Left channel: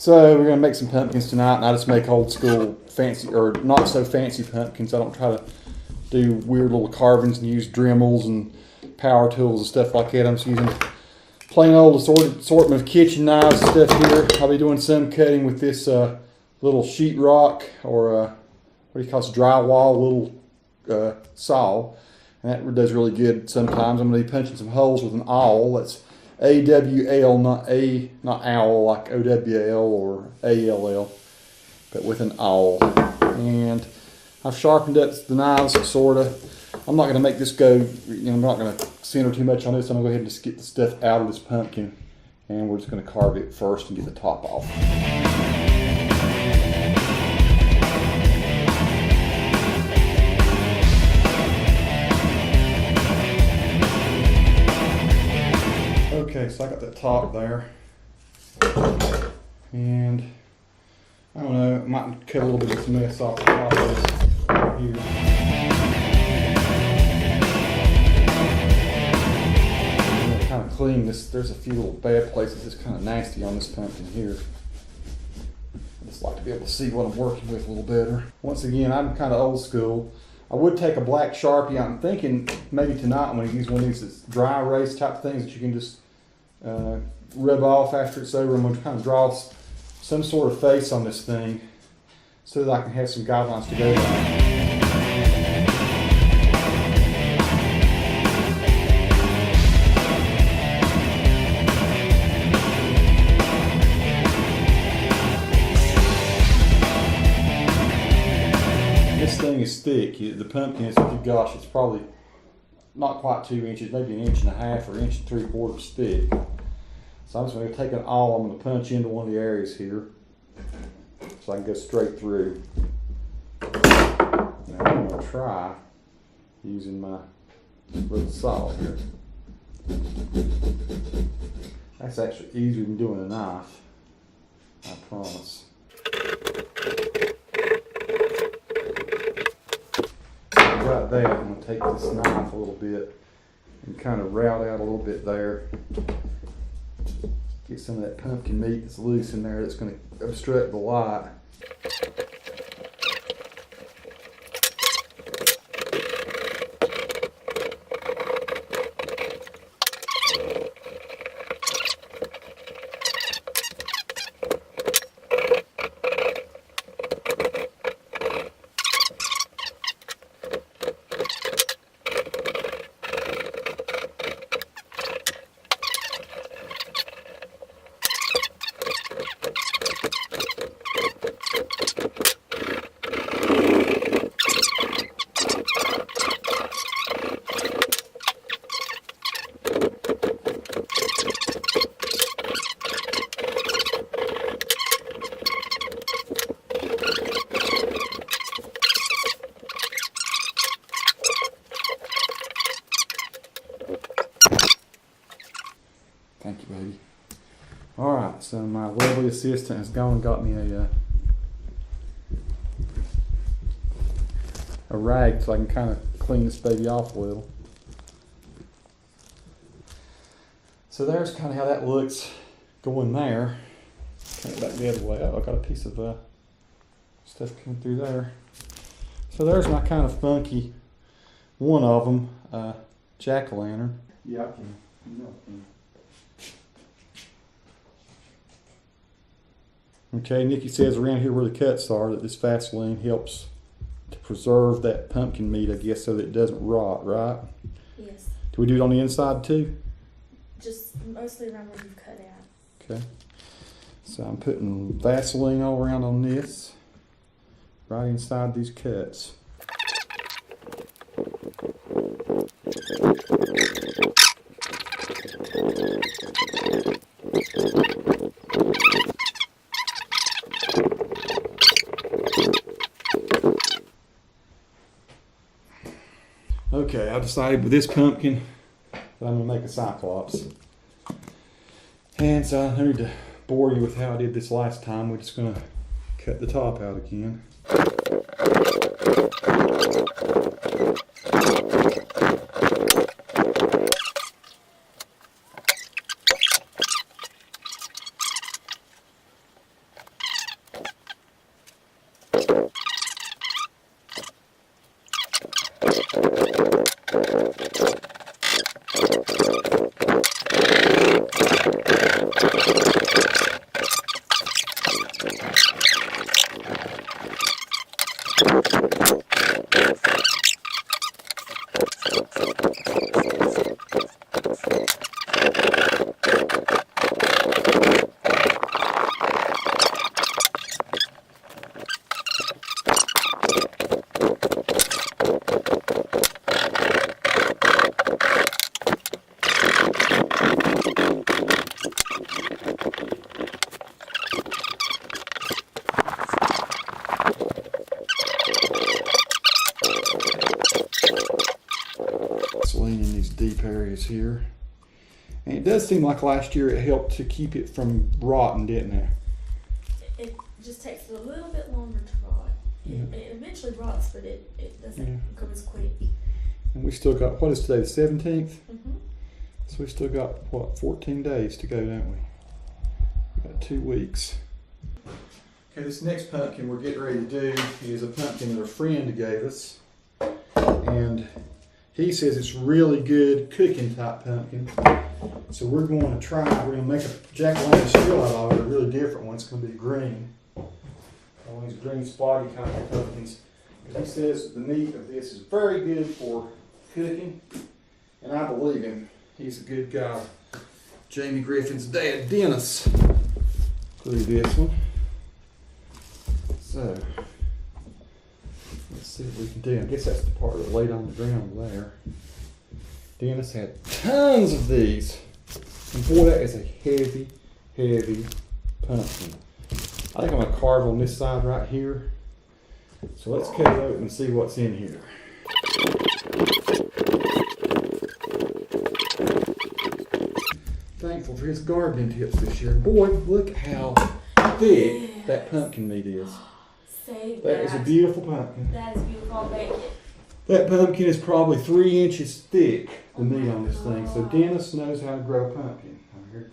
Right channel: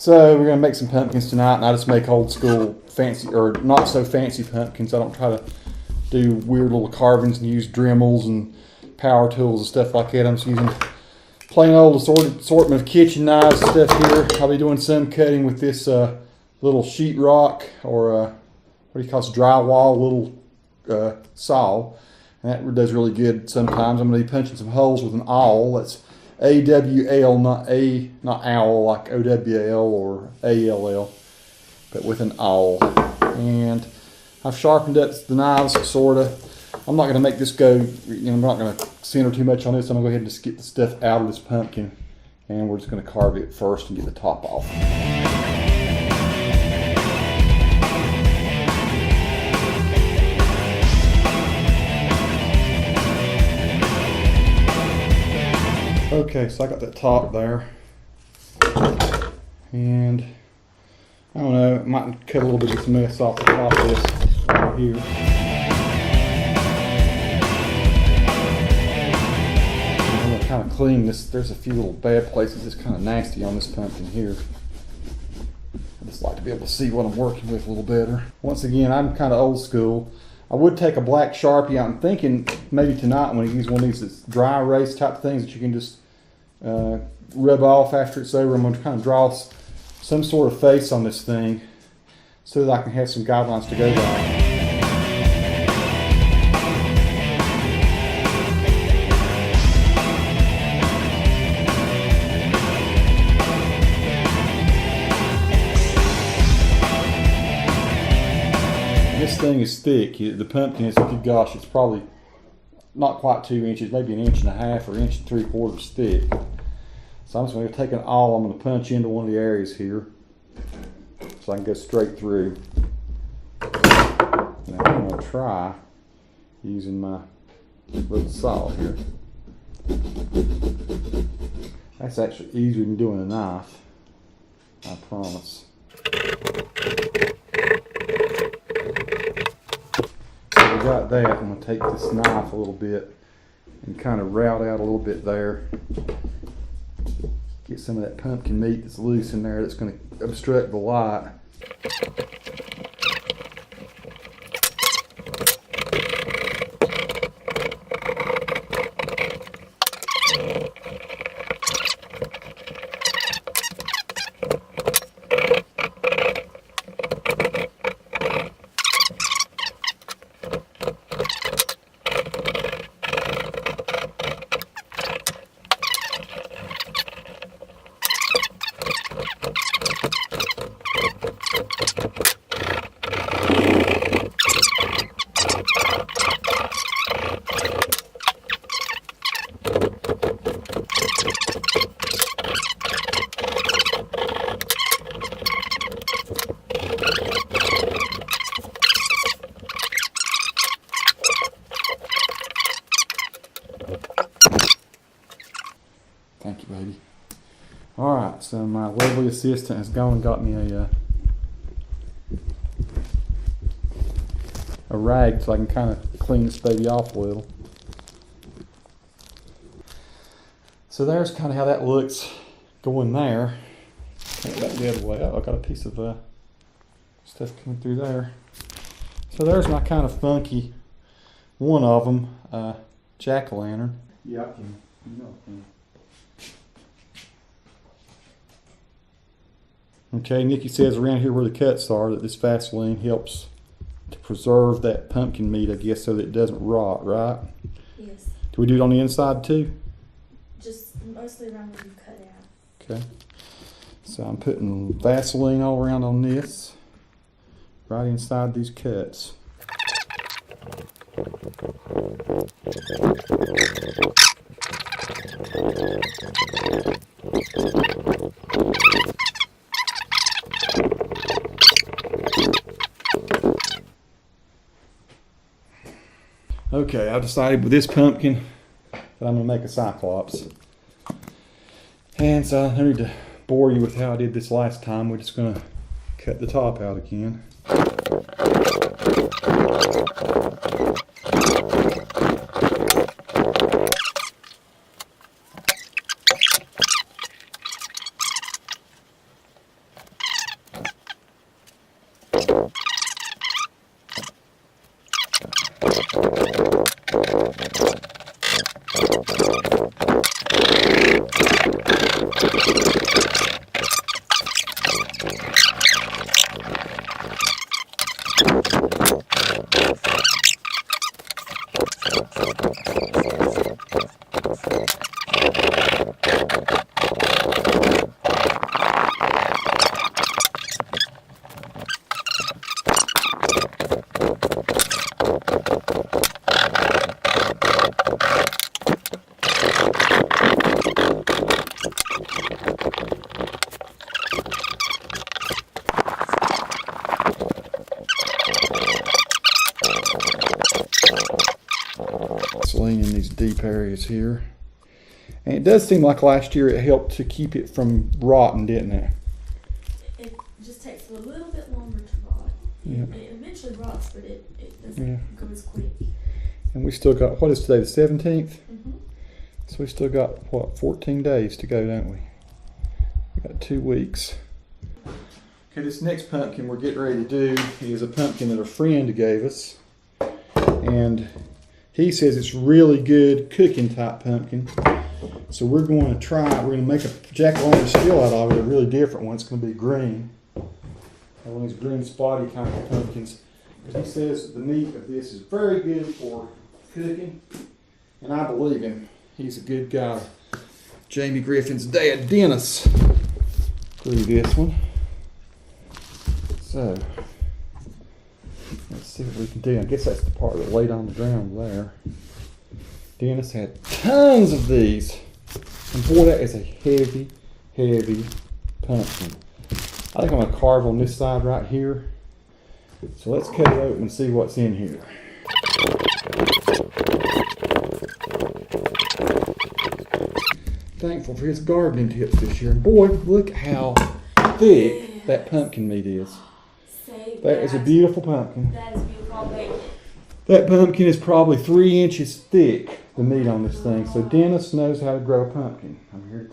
So we're gonna make some pumpkins tonight, and I just make old school fancy or not so fancy pumpkins. I don't try to do weird little carvings and use Dremels and power tools and stuff like that. I'm just using plain old assortment of kitchen knives and stuff here. I'll be doing some cutting with this little sheetrock or what do you call it, drywall little saw, and that does really good sometimes. I'm going to be punching some holes with an awl. That's A-W-L, not owl like O-W-L or A-L-L, but with an awl. And I've sharpened up the knives, sort of. I'm not going to make this go, I'm not going to center too much on this. I'm going to go ahead and just get the stuff out of this pumpkin, and we're just going to carve it first and get the top off. Okay, so I got that top there, and I don't know, I might cut a little bit of this mess off the top of this right here. I'm going to kind of clean this. There's a few little bad places that's kind of nasty on this pumpkin here. I just like to be able to see what I'm working with a little better. Once again, I'm kind of old school. I would take a black Sharpie. I'm thinking maybe tonight I'm going to use one of these dry erase type things that you can just rub off after it's over. I'm going to kind of draw some sort of face on this thing so that I can have some guidelines to go by. This thing is thick. The pumpkin is, gosh, it's probably not quite 2 inches, maybe 1.5 inches or 1.75 inches thick. So I'm just going to take an awl. I'm going to punch into one of the areas here so I can go straight through. Now I'm going to try using my little saw here. That's actually easier than doing a knife, I promise. Got that, I'm going to take this knife a little bit and kind of route out a little bit there. Get some of that pumpkin meat that's loose in there that's going to obstruct the light. Thank you, baby. All right, so my lovely assistant has gone and got me a rag so I can kind of clean this baby off a little. So there's kind of how that looks going there. Turn it back the other way. Oh, I got a piece of stuff coming through there. So there's my kind of funky one of them, jack-o'-lantern. Yeah, I can. Okay, Nikki says around here where the cuts are that this Vaseline helps to preserve that pumpkin meat, I guess, so that it doesn't rot, right? Yes. Do we do it on the inside too? Just mostly around where you cut out. Okay. So I'm putting Vaseline all around on this, right inside these cuts. Okay, I've decided with this pumpkin that I'm going to make a cyclops. And so I don't need to bore you with how I did this last time. We're just going to cut the top out again. Lean in these deep areas here. And it does seem like last year it helped to keep it from rotting, didn't it? It just takes it a little bit longer to rot. Yeah. It eventually rots, but it doesn't go as quick. And we still got, what is today, the 17th? Mm-hmm. So we still got, what, 14 days to go, don't we? We got 2 weeks. Okay, this next pumpkin we're getting ready to do is a pumpkin that a friend gave us. And he says it's really good cooking type pumpkin. So we're going to try, we're going to make a jack-o'-lantern out of it, a really different one. It's going to be green. One of these green spotty kind of pumpkins. But he says the meat of this is very good for cooking. And I believe him. He's a good guy. Jamie Griffin's dad, Dennis, grew this one. So, let's see what we can do. I guess that's the part that laid on the ground there. Dennis had tons of these. And boy, that is a heavy, heavy pumpkin. I think I'm going to carve on this side right here. So let's cut it open and see what's in here. Thankful for his gardening tips this year. And boy, look how thick that pumpkin meat is. That is a beautiful pumpkin. That is beautiful. I'll bake it. That pumpkin is probably 3 inches thick, the meat on this thing. So Dennis knows how to grow a pumpkin. Over here.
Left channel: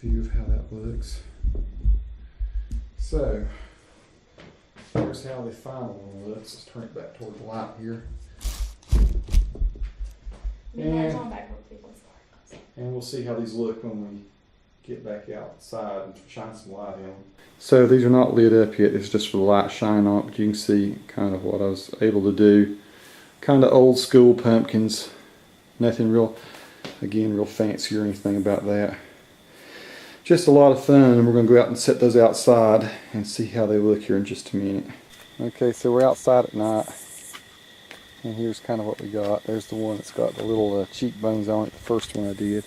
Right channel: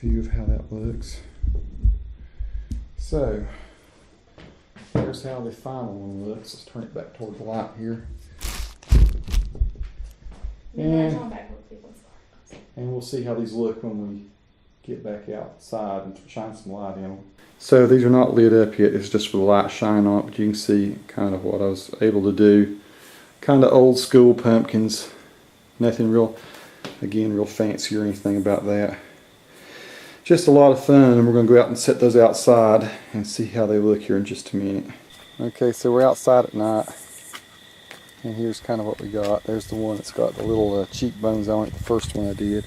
View of how that looks. So, here's how the final one looks. Let's turn it back toward the light here. And we'll see how these look when we get back outside and shine some light in them. So these are not lit up yet. It's just for the light shine on it, but you can see kind of what I was able to do. Kind of old school pumpkins. Nothing real, again, real fancy or anything about that. Just a lot of fun, and we're going to go out and set those outside and see how they look here in just a minute. Okay, so we're outside at night, and here's kind of what we got. There's the one that's got the little cheekbones on it, the first one I did.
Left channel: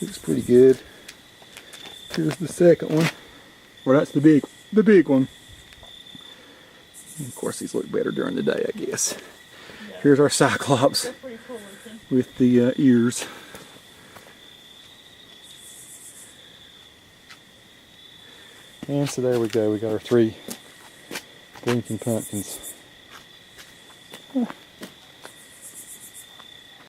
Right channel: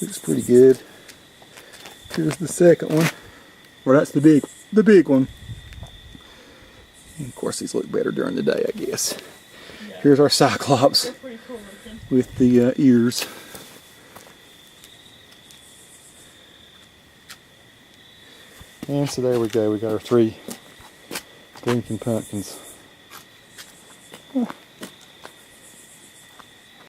Looks pretty good. Here's the second one. Well, that's the big one. And of course, these look better during the day, I guess. Yeah. Here's our cyclops cool with the ears. And so there we go. We got our 3 blinking pumpkins.